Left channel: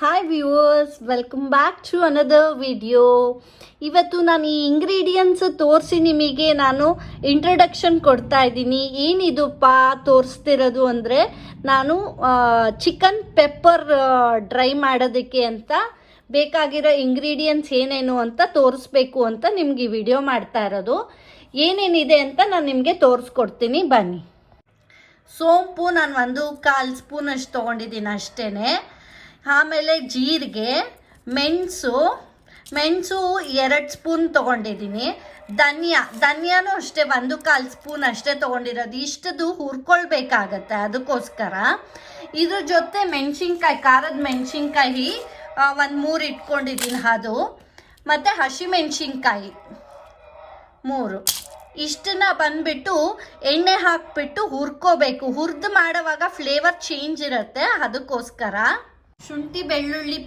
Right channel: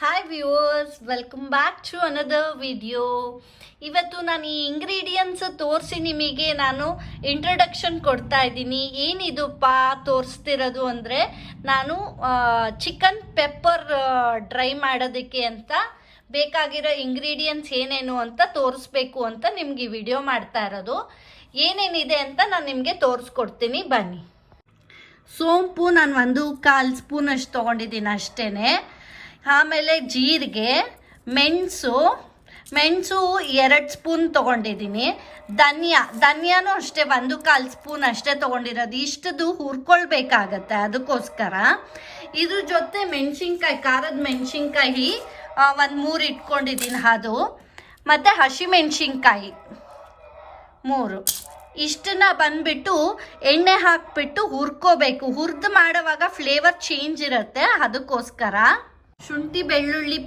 Hi viewers welcome back to another video ಇವತ್ತು ನಾನು ಈ ಇಂಗ್ರೀಡಿಯೆಂಟ್ಸ್ ತೋರಿಸಿ ನಿಮಗೆ ನಾನು ಇಂಟ್ರಡಕ್ಷನ್ ಕೊಡ್ತಾ ಇದ್ದೀನಿ. ಏನಿದಪ್ಪ ತೋರಿಸ್ತಿರೋದು ಅಂದರೆ ನಾನು ಚಿಕನ್ ಪೆಪ್ಪರ್ ಡ್ರೈ ಮಾಡೋದಕ್ಕೆ ಅಂತ ಬೇಕಾಗಿರೋ ಇಂಗ್ರೀಡಿಯೆಂಟ್ಸ್ ಏನೇನು ಅಂತ ತೋರಿಸ್ಬೇಕು ಅಂತ ನಿಮ್ಗೆ ಈ ವಿಡಿಯೋ ಮಾಡ್ತಾ ಇರೋದು. ಏನೇನಿದೆ ಅಂತ ನಾನು ನಿಮಗೆ ತೋರಿಸ್ಕೊಡ್ತೀನಿ. ಬನ್ನಿ. ಸೋಂಪು, ನಾನು ಒಂದು ಕಾಲು ಸ್ಪೂನ್ ಅಷ್ಟು ತೊಗೊಂಡಿದ್ದೀನಿ ಅಷ್ಟೇ ಆಮೇಲೆ ಜೀರಿಗೆ, ಮೆಣಸು ಮೆಣಸು ಎರಡು ಸ್ಪೂನ್ ತೊಗೊಂಡಿದ್ದೀನಿ. ಧನಿಯಾ, ಧನಿಯಾನು ಅಷ್ಟೇ, ಒಂದು ಕಾಲು ಸ್ಪೂನ್ ಅಷ್ಟೇ ತೊಗೊಂಡಿರೋದು. ಇಷ್ಟದು ಹುರ್ಕೊಳ್ಬೇಕಾಗತ್ತೆ ಅದಕ್ಕೋಸ್ಕರ. ಇದ್ರ ಜೊತೆ ಮೆಣಸಿನ್ಕಾಯಿ, ಖಾರದ ಮೆಣಸಿನ್ಕಾಯಿ ಒಂದು ಮೂರು ಇಟ್ಕೊಂಡಿದ್ದೀನಿ ಅದು. ಮತ್ತು ಹಸಿಮೆಣ್ಸಿನ್ಕಾಯಿ ಮೂರು. ಇಷ್ಟನ್ನ ಬಂದ್ಬಿಟ್ಟು ಎಣ್ಣೆ ಹಾಕ್ಬಿಟ್ಟು ಹುರ್ಕೋಬೇಕು. ಹುರ್ದು ಮಾಡುವಾಗ ಫ್ಲೇವರ್ ಚೇಂಜ್ ಇರುತ್ತೆ ಅದಕ್ಕೋಸ್ಕರ. ಶುಂಠಿ ಬೆಳ್ಳುಳ್ಳಿ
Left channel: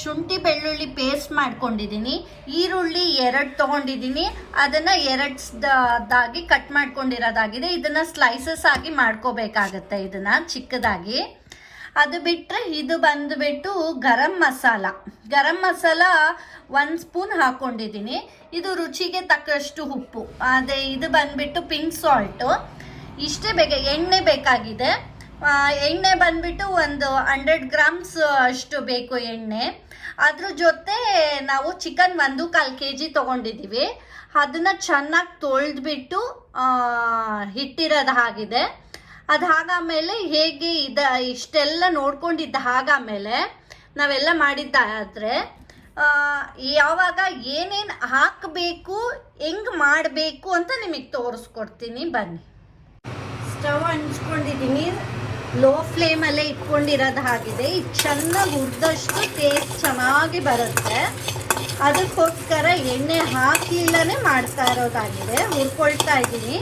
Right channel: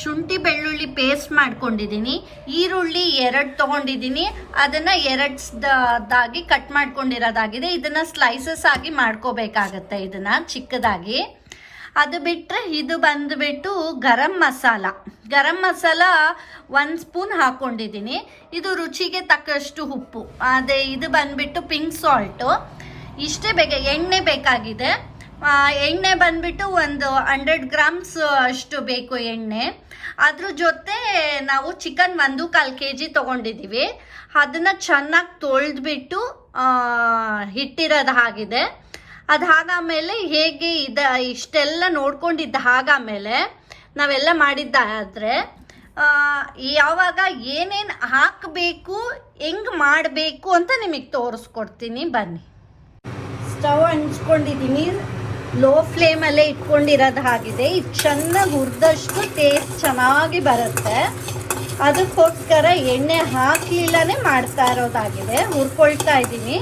ಶುಂಠಿ ಬೆಳ್ಳುಳ್ಳಿ ಪೇಸ್ಟ್ ಮಾಡ್ಕೊಂಡಿದ್ದೀನಿ ಈರುಳ್ಳಿ ಎರಡು ತಗೊಂಡಿದ್ದೀನಿ ಅದನ್ನ ಎರಡ್ಸ್ದಾಗಿ ಕಟ್ ಮಾಡ್ಕೊಂಡಿರೋದಾಗಿದೆ. ಇದನ್ನ ಸ್ಲೈಸಸ್ ಆಗಿ ಮಾಡ್ಕೋಬೇಕಾಗತ್ತೆ ಇದನ್ನ ಚಿಕ್ಕದಾಗಿ. ಅದು ಬಿಟ್ಟರೆ ಇದು ಬಂದುಬಿಟ್ಟು ಗರಂ ಮಸಾಲ. ಗರಂ ಮಸಾಲ ಒಂದು ಸ್ಪೂನ್ ಹಾಕ್ಕೊಂಡಿದ್ದೀನಿ ಇದು ರುಚಿಗೆ ತಕ್ಕಷ್ಟು ಉಪ್ಪು. ಅದೇ ಇದು ಬಂದ್ಬಿಟ್ಟು ಪಿಂಕ್ ಸಾಲ್ಟು ಇಷ್ಟೇ ಬೇಕ ಎಣ್ಣೆ ಬೇಕಾಗಿದೆ. ಎಣ್ಣೆ ಬಂದ್ಬಿಟ್ಟು ಒಂದು ಹಂಡ್ರೆಡ್ ಗ್ರಾಮ್ಸ್ ಅಷ್ಟು ಬೇಕು ಎಣ್ಣೆ. ಅದ್ರ ಜೊತೆ ನಾವು ಚಿಕನ್ ಒಂದು ಕಾಲು ಕೆ ಜಿ ತೊಗೊಂಡಿದ್ದೀವಿ. ಅದನ್ನು ಚೆನ್ನಾಗಿ ತೊಳೆದ್ಬಿಟ್ಟು ಹಿಟ್ಟಿರೋದು ಆಗಿದೆ ಅದು ಮೇಲೆ ಹೇಗೆ ಇದ, ಇಷ್ಟೆಲ್ಲ ನೋಡ್ಕೊಂಡಿದ್ದ ಹಾಗಾಮೇಲೆ ನಾವೆಲ್ಲ ಮಾಡಿದ್ದಾದರೆ ಯಾವಾಗ ಏನೇನು ಹಾಕಬೇಕು, ಹೆಂಗ್ ಮಾಡಬೇಕು ಅಂತ ನಿಮಗೆ ತೋರಿಸ್ಕೊಡ್ತೀನಿ. ಬನ್ನಿ. ಸ್ಟವ್ ಹಂಚ್ಕೊಂಡಿದ್ದೀನಿ ಲೋ ಫ್ಲೇಮಲ್ಲೇ ಇಟ್ಕೊಂಡಿರೋದು ಆಗಿದೆ ಇದು ಚೆನ್ನಾಗಿ ಹುರಿದಷ್ಟು ಟೇಸ್ಟ್ ಚೆನ್ನಾಗಿ ಬರುತ್ತೆ. ಅದಕ್ಕೋಸ್ಕರ ಎಣ್ಣೆ ಹಾಕಲಿಲ್ಲನೇ ಮಾಡ್ತಾ ಇರೋದಾಗಿದೆ. ಹುರ್ಕೊಳ್ತಾ ಇದ್ದೀನಿ.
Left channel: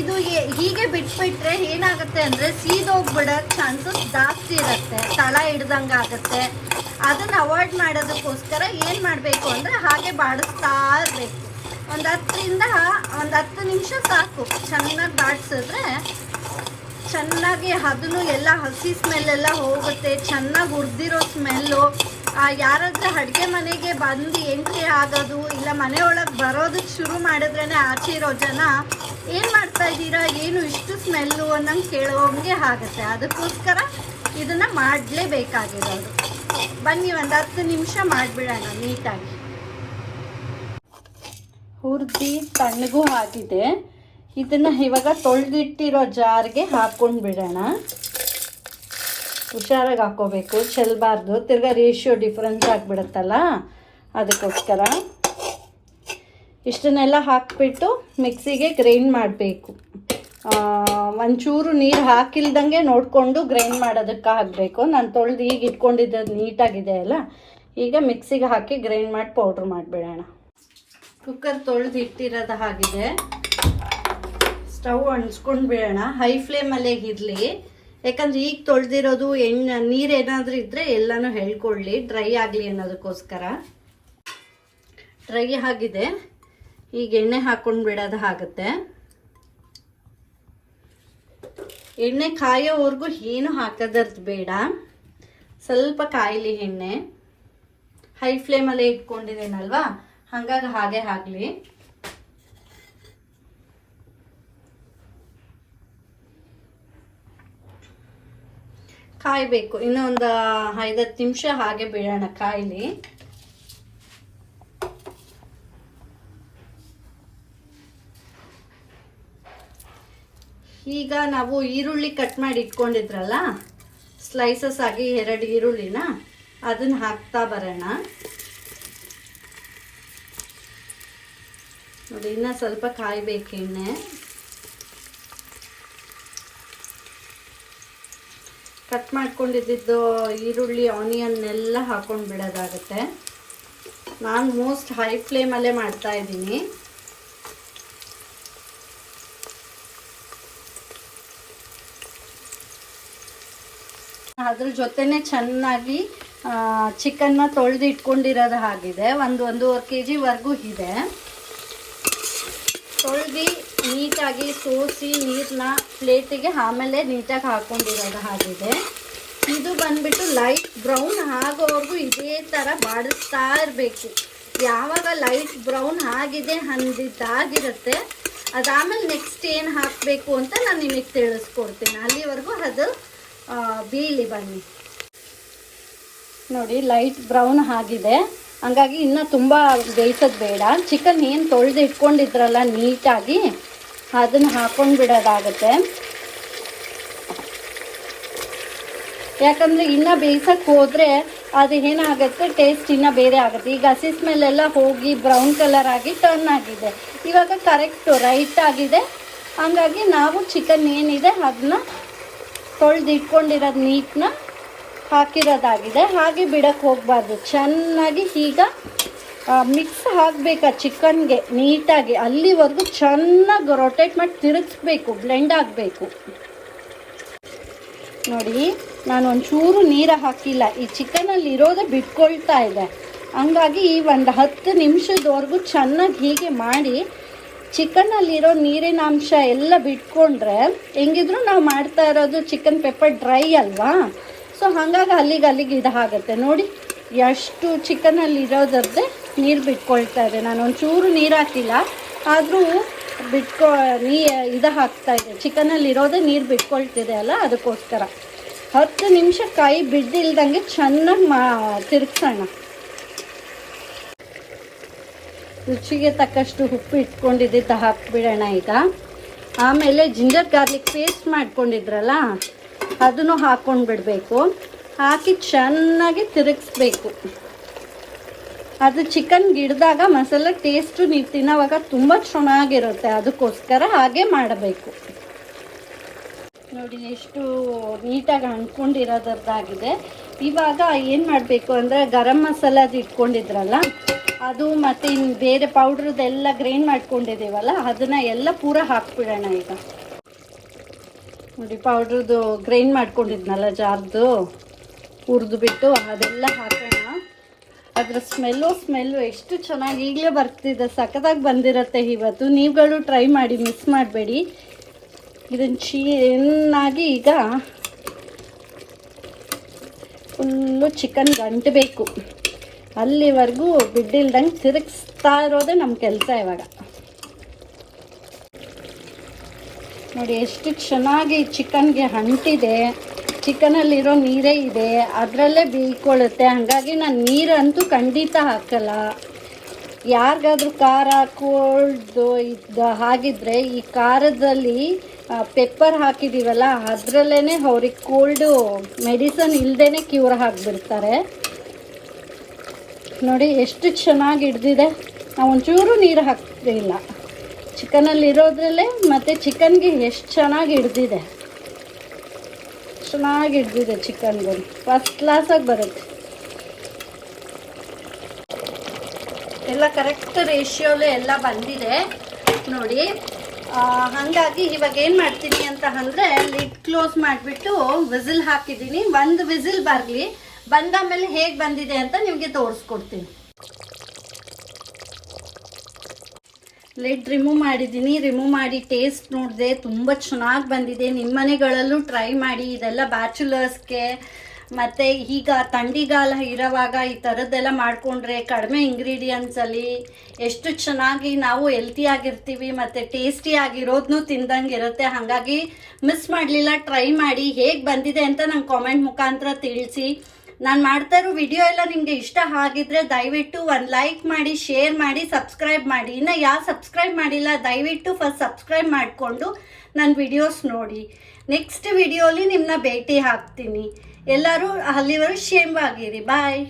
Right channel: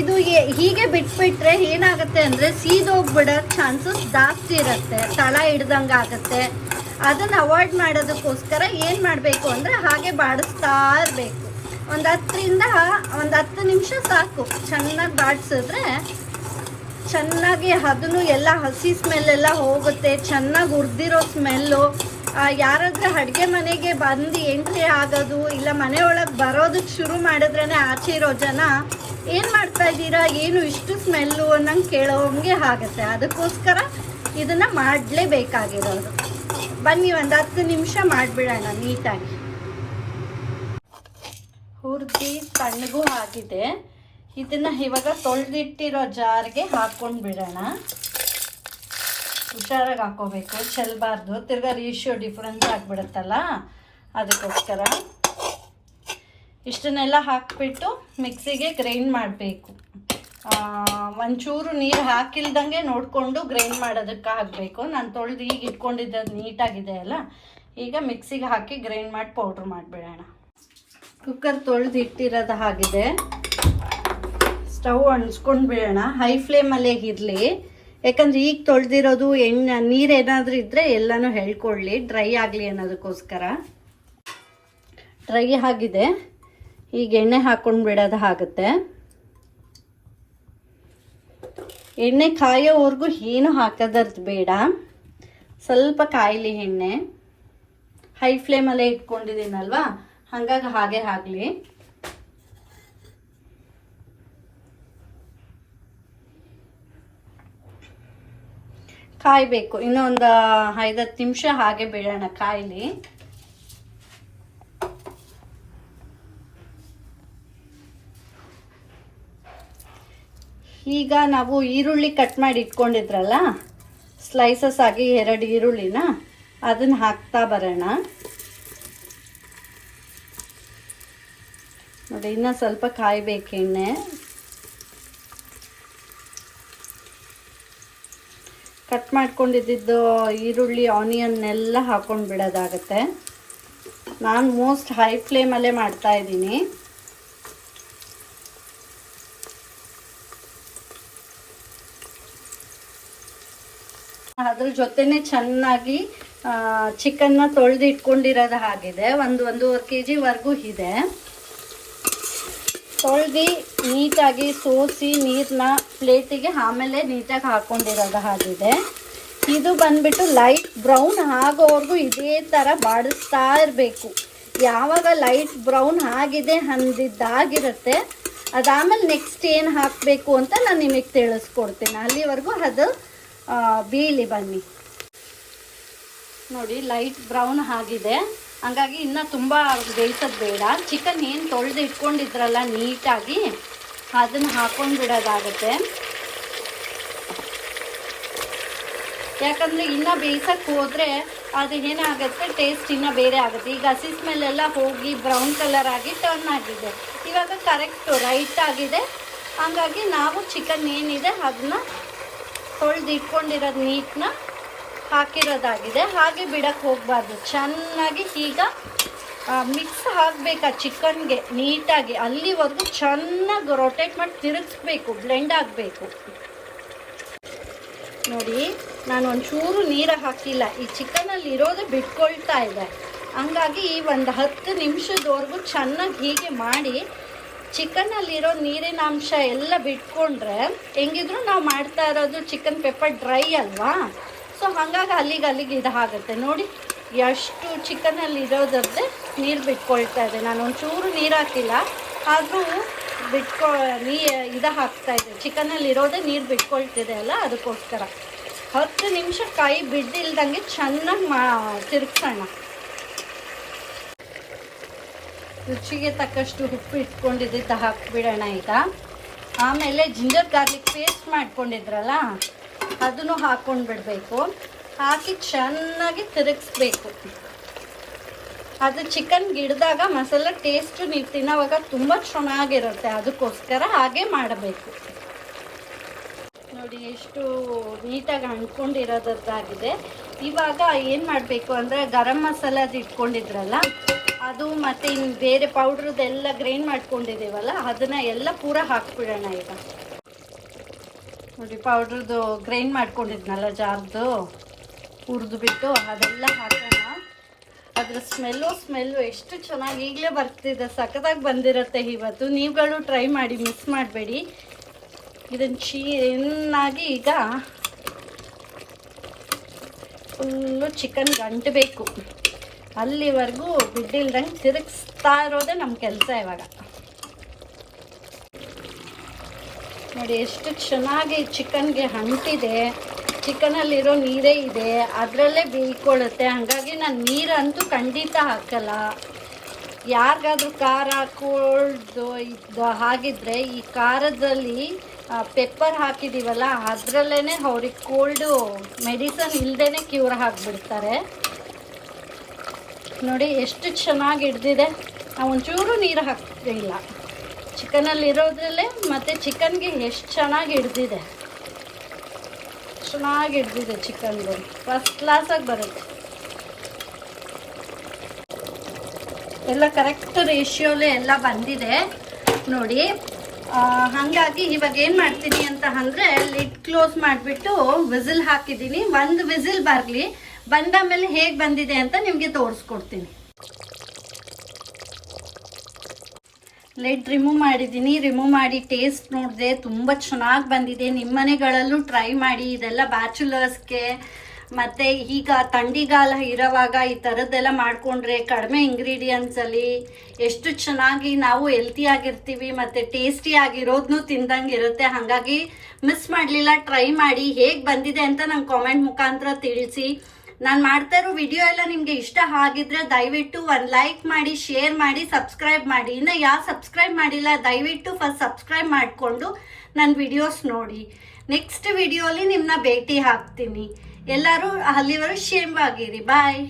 ಇದು ಹೀಗೆ ಬಿಟ್ಬಿಟ್ರೆ ಏನಾಗುತ್ತೆ ಅಂದರೆ ಸೀದೋಗ್ಬಿಡೋ ಚಾನ್ಸಸ್ ಜಾಸ್ತಿ ಇರುತ್ತೆ. ತಳ ಹಿಡ್ದಂಗೆ ಆಗುತ್ತೆ. ಅದನ್ನು ಅವಾಯ್ಡ್ ಮಾಡೋದಕ್ಕೋಸ್ಕರ ಏನು ಮಾಡಬೇಕು ಅಂದರೆ ಹಾಗೆ ಬಾಡಿಸ್ತಾ ಇರಬೇಕು. ಒಂದು ಹತ್ತರಿಂದ ಒಂದು ಹತ್ತು ನಿಮಿಷ ಸಾಕು. ಚೆನ್ನಾಗಿ ಬಾಡಿಸಿದ್ರೆ ಚೆನ್ನಾಗಿ ಅದನ್ನು ಎಲ್ಲ ಹಸಿ ಸ್ಮೆಲ್ ಎಲ್ಲ ಹೋಗುತ್ತೆ, ಚೆನ್ನಾಗಿ ಹುರಿದಿರೋ ಸ್ಮೆಲ್ಲು ಯಾರಾದ್ರೂ ಅಡುಗೆ ಮನೆಗೆ ಬಂದು ಎಂಟ್ರಿ ಆಗೋದು ಇಲ್ಲ ಮನೆ ಒಳಗೆ ಬರೋದಕ್ಕೆ ಶುರು ಮಾಡಿದ್ರೇ ಆಚೆ ಇರೋ ಜನ, ಏನು ಮಾಡ್ತಾ ಇದ್ದೀರಾ? ಏನು ಇಷ್ಟು ಸ್ಮೆಲ್ಲು ಅನ್ನಂಗೆ ಕೇಳೋಂಗೆ ಆಗುತ್ತೆ. ಅದಕ್ಕೋಸ್ಕರ ಇದನ್ನ ಮಾಡಲೇಬೇಕಾಗಿರೋದು. ಬನ್ನಿ ಒಂದು ಹತ್ತು ನಿಮಿಷ ಮಾಡಿಬಿಡೋಣ ನೀಟಾಗಿ ಹುರಿದು ತಣ್ಣಗೂ ಆಗಿದೆ. ಇದನ್ನ ಇವಾಗ ತೊಳೆದಿಟ್ಟಿರೋ ಜಾರ್ಗೆ ಹಾಕೊಂಡು ಬಿಡೋಣ. ಹುಷಾರಾಗಿ ಹಾಕೋಬೇಕು ಚೆಲ್ಲಬಾರ್ದು ತಿರ್ಗಾ ರೇಷಿಯೋ ಡಿಫ್ರೆನ್ಸ್ ಆಗಿಬಿಡುತ್ತಲ್ಲ? ಅದಕ್ಕೋಸ್ಕರ ಇಷ್ಟನ್ನೆಲ್ಲ ಹಾಕ್ಬಿಟ್ಟು ಮಿಕ್ಸಿಗೆ ಗ್ರೈಂಡ್ ಮಾಡಬೇಕು. ಒಂಚೂರು ನೀರು ಹಾಕಿಲ್ದಂಗೆ ನೋಡಿಕೊಂಡು ಗ್ರೈಂಡ್ ಮಾಡೋದಕ್ಕೆ ಹಾಕಬೇಕು ನಾನು ತೊಳೆದು ಈಗ ಇಟ್ಕೊಂಡಿದ್ದು ನೀಟಾಗಿದೆ ಅಲ್ಲ? ಈಗ ಮಿಕ್ಸಿಗೆ ಹಾಕಿ ಗ್ರೈಂಡ್ ಮಾಡಿ ಪೌಡ್ರ್ ಮಾಡಿಬಿಡೋಣ. ಕುಕ್ಕರ್ ತೊಳೆದು ಇಟ್ಟಿರೋದು ಆಗಿದೆ ಸ್ಟವ್ ಅಣಿಸ್ಕೊಂಡು ಬಿಡೋಣ ಹೈ ಫ್ಲೇಮಲ್ಲೇ ಇರಲಿ. ಯಾಕಂದ್ರೆ ಈಗ ತೊಳೆದಿರೋದು ಎಣ್ಣೆ ನೀರೇನಾದರೂ ಇದ್ದರೆ ಎಲ್ಲನೂ ಹೇಳ್ಕೊಳ್ಳಿ. ಡ್ರೈ ಆಗಲಿ ಅನ್ನೋದಕ್ಕೋಸ್ಕರ. ಡ್ರೈ ಆಗಿದೆ. ಈಗ ಎಣ್ಣೆ ಹಾಕೊಂಡು ಬಿಡೋದು ಆಗುತ್ತೆ. ಎಣ್ಣೆ ಕಾಯೋವರೆಗೂ ಏನು ಹಾಕೋದರ್ದು ಬೇಡ. ಸ್ವಲ್ಪ ಕಾಯಲಿ ಎಣ್ಣೆ. ಹೈ ಫ್ಲೇಮಲ್ಲೇ ಇಟ್ಕೊಂಡಿದ್ದೀನಲ್ವಾ? ಹಾಗಾಗಿ ಹಾಗೆ ಆಗಲಿ. ಕಾಯಬೇಕು. ಇನ್ನೊಂದು ಐದತ್ತು ನಿಮಿಷ ಹಾಗೆ ಬಿಡೋಣ ಕಾಯಲಿ. ಈಗ ನಾವು ಈರುಳ್ಳಿ ಕಟ್ ಮಾಡಿ ಇಟ್ಕೊಂಡಿದ್ರಲ್ಲ ಸ್ಲೈಸಸ್ ಆಗಿ ಎರಡು ಈರುಳ್ಳಿನ ಅದನ್ನ ಹಾಕ್ತಾ ಬರೋಣ. ನೋಡಿ, ಇನ್ನ ಸ್ವಲ್ಪ ಕಾಯ್ಬೇಕು ಎಣ್ಣೆ ಕಟ್ ಮಾಡ್ಕೊಂಡಿದ್ದು ಈರುಳ್ಳಿ ಆನಿಯನ್ ಎಲ್ಲ ಹಾಕೊಂಡು ಬಿಡೋದಾಗತ್ತೆ. ನಾನು ಮೋಸ್ಟ್ ಹೈ ಫ್ಲೇಮಲ್ಲೇ ಮಾಡ್ತಾ ಇದ್ದೀನಿ. ಅದ್ರ ಜೊತೆನೆ ಚೆನ್ನಾಗಿ ಚಿಕನ್ನ ತೊಳೆದು ಇಟ್ಕೊಂಡಿರೋದು ಆಗಿದೆ ಒಂದು ಒಂದೂವರೆ ಕೆ ಜಿವರೆಗೂ ಇದೆ. ತೊಳೆದು ನೀಟಾಗಿ ಸೋಸಿ ನೀರನ್ನ ಪ್ಲೇಟಿಗೆ ಆಮೇಲೆ ನೀಟಾಗಿ ಹಾಕೊಂಡಿರೋದು ಹಾಗಿದೆ. ಇದು ಬಂದ್ಬಿಟ್ಟು ಲೈಟ್ ಬ್ರೌನ್ ಆಗೋವರೆಗೂ ಇದೇ ಥರ ಬಾಡಿಸ್ತಾ ಇರಬೇಕು. ಯಾವಾಗ ಲೈಟ್ ಬ್ರೌನ್ ಆಗಿದೆ ಅಂದಿದ್ದಾಗಿರುತ್ತೆ. ಅದಾದಮೇಲೆ ನೆಕ್ಸ್ಟ್ ಏನು ಹಾಕಬೇಕು ಅಂತ ನಾನು ನಿಮಗೆ ತಿಳಿಸ್ಕೊಡ್ತೀನಿ. ಅಲ್ಲಿವರೆಗೂ ಅದು ಬೀಳಿ ಬನ್ನಿ. ನೋಡಿ, ಲೈಟ್ ಬ್ರೌನ್ ಆಗಿದೆ. ಹಂಗಾಗಿ ಇನ್ನು ತುಂಬ ಬೇಯಿಸೋದು ಬೇಡ. ಚಿಕನ್ ಏನು ತೊಳೆದು ಇಟ್ಕೊಂಡಿದ್ರಲ್ಲ ನೀಟಾಗಿ, ಅದನ್ನು ಹಾಕೊಂಡು ಬಿಡೋದಾಗುತ್ತೆ. ಯಾಕಂದರೆ ಇನ್ನು ಬೇಯಿಸೋಕ್ಕೆ ಹೋದರೆ ಅದು ಏನಾಗುತ್ತೆ ಟೇಸ್ಟ್ ಇನ್ನೂ ಬೇರೆ ಆಗುತ್ತೆ. ಈಗ ಹಸಿ ಸ್ಮೆಲ್ಲೆಲ್ಲ ಹೋಗಿ ಬ್ರೌನ್ ಕಲರ್ ಆಗಿ ಟರ್ನ್ ಆಗಿದೆ. ಇವಾಗ ಕರೆಕ್ಟು ರೈಟ್ ಆಗಿದೆ. ಹಂಗಾಗಿ ನಾವು ಚಿಕನ್ ಏನಿದೆ, ಅದನ್ನ ತೊಳೆದು ಇಟ್ಕೊಂಡಿರೋದು ನೀಟ್ನ ಹಾಕಿರೋದಾಗಿದೆ. ಹಾಗೆ ಬಿಡಕ್ಕೆ ಹೋಗಬಾರ್ದು. ಚೆನ್ನಾಗಿ ಈಗ ಮಿಕ್ಸ್ ಆಗಬೇಕು ಚಿಕನ್ಗೆ ನೀಟಾಗಿ. ಅಲ್ಲಿವರೆಗೂ ಚೆನ್ನಾಗಿ ರೊಟೇಟ್ ಮಾಡಿ ತಿರುಗಿಸ್ಬೇಕು ಬ್ಲೆಂಡ್ ಆಗಬೇಕು. ನೋಡಿ, ನಾನು ಒಂಚೂರು ನೀರು ಹಾಕಿಲ್ಲ. ಈ ಚಿಕನಲ್ಲಿ ಇರೋದೇ ಬಿಟ್ಕೊಳ್ತಾ ಇದೆ. ಹಂಗಾಗಿ ಈ ಒಂದು ಹತ್ತು ನಿಮಿಷದವರೆಗೂ ಚೆನ್ನಾಗಿ ಹೀಗೆ ಮಾಡಿ, ಚಿಕನಲ್ಲಿರೋ ನೀರಿನ ಅಂಶ ಎಲ್ಲ ಬಿಟ್ಕೊಂಡ್ರೆ, ಹೆಂಗಿದ್ರು ನಾವು ಮಾಡ್ತಾ ಇರೋದು ಚಿಕನ್ ಪೆಪ್ಪರ್ ಡ್ರೈ ಅಲ್ವಾ? ಸೊ ಹಾಗಾಗಿ ಅಲ್ಲಿಗೆ ಅಲ್ಲಿಗೆ ಇದು ಆಗುತ್ತೆ. ನೋಡಿ, ಎಷ್ಟು ಚಿಕನಲ್ಲಿ ಇರೋದರದ್ದೇ ನೀರು ಬಿಟ್ಕೊಳ್ತಾ ಇದೆ. ನಾನು ಒಂಚೂರು ನೀರು ಹಾಕಿಲ್ಲ. ಆದರೂ ಬಿಟ್ಕೊ, ನೀ, ಇದು ಹಾಕ್ತಾ ಇದೆ ಚಿಕನಲ್ಲಿ ಇರೋದೇ ನೀರು ಬಿಟ್ಕೊಳ್ತಿದೆ ಅಲ್ಲ, ಅದಕ್ಕೋಸ್ಕರ. ಹತ್ತು ನಿಮಿಷ ಕಾಯಿ ಬಿಡ್ದಿಲ್ದಂಗೆ ಚೆನ್ನಾಗಿ ಮಾ, ತಿರುಗ್ಸೋಣ. ರುಚಿಗೆ ತಕ್ಕಷ್ಟು ಉಪ್ಪು ಇಟ್ಕೊಂಡಿದ್ದ ಹಾಕ್ಬಿಡೋಣ ಈಗ. ಆಮೇಲೆ ಜಿಂಜರ್ ಗಾರ್ಲಿಕ್ ಪೇಸ್ಟ್ ಮಾಡ್ಕೊಂಡಿದ್ರಲ್ಲ? ಅದನ್ನು ಹಾಕೊಂಡು ಬಿಡಬೇಕು. ಹಾಕಿ ಚೆನ್ನಾಗಿ ತಿರುಗಿಸ್ಬೇಕು. ಅದು ಚಿಕನ್ ಗಿಡದಾಗ ಮಸಾಲ ಟೇಸ್ಟು ನೀವು ತಿನ್ನೋವಾಗ ತುಂಬ ಚೆನ್ನಾಗಿರುತ್ತೆ. ಅದಕ್ಕೋಸ್ಕರ ಹಾಗೆ ಮಾಡಬೇಕು. ನೋಡಿ, ಎಷ್ಟು ನೀಟಾಗಿ ಅಂದ್ಕೊಂಡಿರೋದಾಗಿದೆ ಇವಾಗ ಏನು ಮಾಡಬೇಕು ಅಂದರೆ ಗರಂ ಮಸಾಲದು ಇಟ್ಕೊಂಡಿದ್ರಲ್ಲ, ಅದು ಮತ್ತು ಇನ್ನು ಬೇರೆ ಪೌಡ್ರದ್ದೆಲ್ಲ ಗ್ರೈಂಡ್ ಮಾಡ್ಕೊಂಡಿದ್ದೀವಲ್ಲ, ಅದನ್ನು ಎಲ್ಲ ಪೂರ ಹಾಕ್ಬಿಡೋಣ ಈಗ. ನೋಡಿ ಪೌಡ್ರದ್ದು ಗ್ರೈಂಡ್ ಮಾಡ್ಕೊಂಡಿದ್ನಲ್ಲ ಜಾರ್ದು, ಹುರಿದು ಬಿಟ್ಟು ಅದೆಲ್ಲ ಹಾಕೋಣ. ಅದ್ರ ಸ್ಮೆಲ್ಲು ಸ್ಮೆಲ್ಲು ಎಷ್ಟು ಚೆನ್ನಾಗಿ ಈಗಲೇ ಬರ್ತಿದೆ, ಸಖತ್ತಾಗಿ ಬಂದಿರತ್ತೆ ಇವತ್ತು. ನೀವುಗಳು ಟ್ರೈ ಮಾಡಿ ಮಿಸ್ ಮಾಡಬೇಡಿ. ಇದನ್ನು ಚೆನ್ನಾಗಿ ಈಗ ಫುಲ್ಲು ಚಿಕನ್ ಗಂಟಬೇಕು ಅಲ್ಲಿವರೆಗೂ ಬಿಡ್ಡಿಲ್ದಂಗೆ ತಿರುಗಿಸ್ತಾ ಇರೋದೇ ನಮ್ಮ ಕೆಲಸ ಇವಾಗ. ನೋಡಿ, ಎಷ್ಟು ಚೆನ್ನಾಗಿ ಚಿಕನ್ಗೆ ಅಂಟಿದೆ ಚಿಕನಲ್ಲಿರೋ ನೀರೇ ಇದೆ. ಅದರಲ್ಲೇ ಬೀಳ್ಕೊಳ್ಳುತ್ತೆ. ಹಾಗಾಗಿ ನಾನು ನೀರಂತೂ ಖಂಡಿತ ಹಾಕಲ್ಲ. ಯಾರಿಗಾದ್ರೂ ಖಾರ, ಕೋಲ್ಡ್ ಇದ್ದ ಹಾಗಿದ್ರೆ ಈ ಖಾರದಲ್ಲಿ ಪೆಪ್ಪರ್ ಹಾಕಿದ್ದೀವಲ್ಲ ಅದರಲ್ಲೇ ಅವ್ರಿಗೆ ಕೋಲ್ಡು ಮೆಡಿಸನ್ ಇಲ್ಲದೇ ಕ್ಯೂರ್ ಹಾಕಿಬಿಡ್ತಾರೆ ನೋಡಿ, ಎಷ್ಟು ಚೆನ್ನಾಗಿ ಹಿಡ್ದಿದೆ. ನಾವು ಒಂಚೂರು ನೀರು ಹಾಕ್ತಿಲ್ಲ ಚಿಕನಲ್ಲಿ ಇರೋದ್ರಲ್ಲೇ ಮತ್ತು ಚಿಕನ್ಗೆ ಎಷ್ಟು ಚೆನ್ನಾಗಿ ಹಿಡ್ದಿದೆ. ಚೆನ್ನಾಗಿ ಹಿಡ್ದಿದೆ ಚಿಕನ್ಗೆ ಫಸ್ಟ್ ಕ್ಲಾಸಾಗಿ ಬರುತ್ತೆ. ಎಲ್ಲ ಕರೆಕ್ಟ್ ರೇಷಿಯೋಲೆ ಎಲ್ಲ ಬಂದಿದೆ. ನೋಡಿ ಹಾಗಾಗಿ ಇವಾಗ ಏನು ಮಾಡ್ತೀನಿ ಅಂತ ಅಂದರೆ ಲಿಡ್ ಕ್ಲೋಸ್ ಮಾಡಿಬಿಟ್ಟು ವಿಸಿಲ್ ಹಾಕಿದ್ದೀನಿ. ಒಂದು ವಿಸಿಲ್ ಬರಲಿ. ಮೇಲೆ ಹೇಗೆ ಬಂದಿದೆ ಅಂತ ನಿಮಗೆ ತೋರಿಸ್ಕೊಡ್ತೀನಿ. ಲಿಡ್ ರಿಮೂವ್ ಮಾಡಿದ್ದೀನಿ. ರಿಮೂವ್ ಮಾಡಿ ಟೇಸ್ಟ್ ನೋಡಿದೆ, ತುಂಬ ಚೆನ್ನಾಗಿ ಬಂದಿದೆ. ನಿಮ್ಮ ಮನೆಗಳಲ್ಲೂ ಟ್ರೈ ಮಾಡಿ, ಇದೆಲ್ಲ ಬ್ಯಾಚುಲರ್ಸ್ಗೆ ಮತ್ತು ಈಗ ಥಂಡಿಗಾಲ ಇರೋವಾಗ ಈ ಥರದ್ದೆಲ್ಲ ಮಾಡಿಕೊಂಡ್ರೆ ಕಡಿಮೆ ಇಂಗ್ರೀಡಿಯೆಂಟ್ಸಲ್ಲಿ ಎಷ್ಟು ಚೆನ್ನಾಗಿ ನಾವು ಹೆಲ್ತಿಯಾಗಿರ್ತೀವಿ ಮತ್ತು ಟೇಸ್ಟಿಯಾಗಿರೋದನ್ನೂ ತಿಂದಂಗೆ ಇರುತ್ತೆ. ಹಾಗಾಗಿ ಮಿಸ್ ಮಾಡಲಿಲ್ಲ ಟ್ರೈ ಮಾಡಿ ಹೇಗೆ ಬಂದಿದೆ ಅಂತ ನಂಗೆ ಕಾಮೆಂಟ್ ಮುಖಾಂತರ ತಿಳಿಸಿ. ನಾನು ಮಾಡ್ತಾ ಇರೋ ವಿಡಿಯೋ ಎಲ್ಲ ನಿಮಗೆ ಇಷ್ಟ ಆಗಿದ್ರೆ ದಯವಿಟ್ಟು ಒಂದು ಲೈಕ್ ಮಾಡಿ ಶೇರ್ ಮಾಡಿ ಸಬ್ಸ್ಕ್ರೈಬ್ ಮಾಡಿ. ಇನ್ನು ಯಾರು ಸಬ್ಸ್ಕ್ರೈಬ್ ಮಾಡಿಲ್ಲ, ದಯವಿಟ್ಟು ಫಸ್ಟ್ ಸಬ್ಸ್ಕ್ರೈಬ್ ಮಾಡಿಕೊಂಡು ನನ್ನ ವಿಡಿಯೋಸ್ ನೋಡಿ. ನೆಕ್ಸ್ಟ್ ವಿಡಿಯೋಲಿ ನಿಮ್ಮನ್ನ ಭೇಟಿ ಹಾಕ್ತೀನಿ ಎಲ್ಲರೂ ಅಲ್ಲಿವರೆಗೂ ಶೇಮ್ ಆಗಿರಿ ಬಾಯ್